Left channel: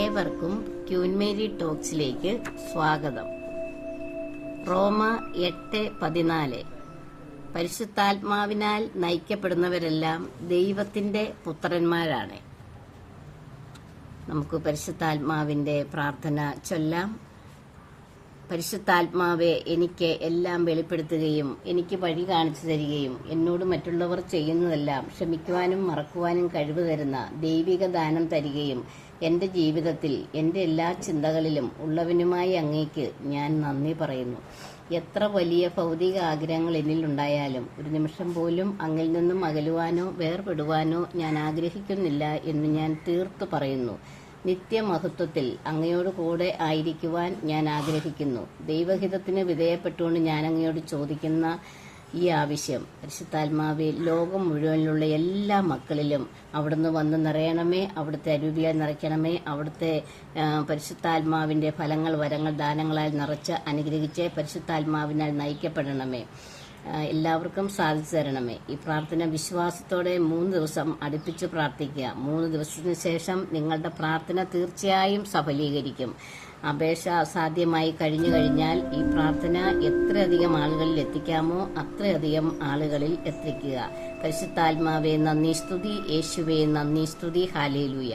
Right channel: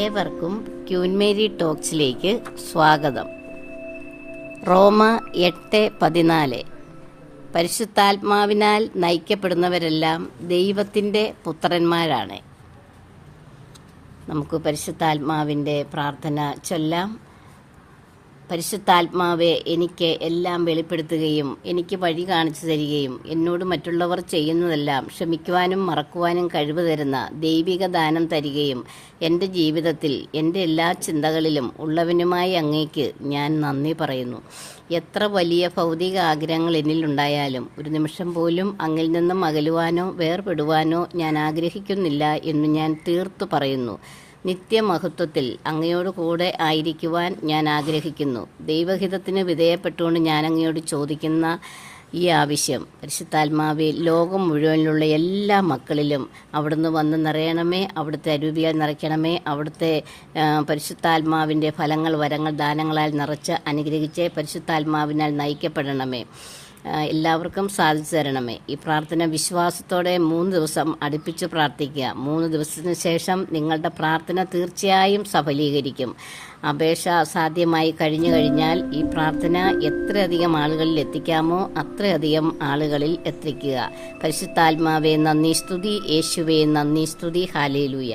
ഏവർക്കും queen Mary ടോക്സിലേക്ക് സ്വാഗതം. റോമ 8:14. പരിശുദ്ധാത്മാവിനാൽ നയിക്കപ്പെടുന്നവരെല്ലാം ദൈവത്തിൻ്റെ പുത്രന്മാരാണ്. നമുക്ക് പരിശുദ്ധാത്മാവിൻ്റെ പ്രാർത്ഥന ചൊല്ലാം. പരിശുദ്ധാത്മാവെ, എനിക്ക് എല്ലാം വെളിപ്പെടുത്തുകയും എനിക്ക് വഴി കാണിച്ചു തരികയും എന്നോട് മറ്റുള്ളവർ ചെയ്യുന്നതെല്ലാം ക്ഷമിക്കുവാനും മറക്കുവാനും കഴിവ് തരുന്ന ദൈവിക ദാനം തരികയും എൻ്റെ ജീവിതത്തിൽ എൻ്റെ എല്ലാ ചിന്തകളിലും ഉള്ളവനുമായി അങ്ങേക്ക് ഞാൻ നന്ദി പറയുന്നു. എത്ര വലിയ ഭൗതിക ആഗ്രഹങ്ങൾ എന്നിലുണ്ടായാലും ഒരു നിമിഷം പോലും അങ്ങിൽ നിന്നും അകലുവാനോ വേർപെടുവാനോ ഞാൻ ആഗ്രഹിക്കുന്നില്ല എന്ന് ഞാൻ തീർത്തു പറയുന്നു. നിത്യമഹത്വത്തിൽ അങ്ങയോട് കൂടെ ആയിരിക്കുവാൻ ഞാൻ ആഗ്രഹിക്കുന്നു. ദൈവഹിതത്തിന് വിധേയപ്പെട്ടുകൊണ്ട് ഞാൻ അങ്ങയോട് ചോദിക്കുന്ന ഈ ആവശ്യം, പരിശുദ്ധാത്മാവെ, ലോകം മുഴുവനിലുള്ള എല്ലാ മക്കളിലും അവിടുന്ന് വന്ന് നിറയണമേ. അവിടുത്തെ അരൂപിയാൽ നിറയ്ക്കണമേ. അവിടുത്തെ പരിശുദ്ധാത്മാവിൻ്റെ ഫലങ്ങൾ, വരങ്ങൾ, ദാനങ്ങളാൽ നിറച്ച് അനുഗ്രഹിച്ച് പരിശുദ്ധാത്മാവിനാൽ നയിക്കപ്പെടണമേ. എല്ലാവർക്കും സാധിച്ചു തരണമേ. ഈ പ്രാർത്ഥന വിശ്വാസത്തോടെ 3 ദിവസം അടുപ്പിച്ച് പ്രാർത്ഥിക്കുക. 3 ദിവസത്തിന് ശേഷം നിങ്ങളുടെ പ്രാർത്ഥന തീർച്ചയായും സഫലീകരിക്കും. അപേക്ഷ അസാധ്യമായി കഴിഞ്ഞു കഴിഞ്ഞാൽ ഈ പ്രാർത്ഥന എത്രയധികം ആളുകളിൽ എത്തിക്കാമോ അത്രയധികം ആളുകളിൽ എത്തിക്കുക. പരിശുദ്ധാത്മാവേ നന്ദി, സ്തുതി. യേശുവേ നന്ദി, സ്തുതി. ഹല്ലേലൂയ.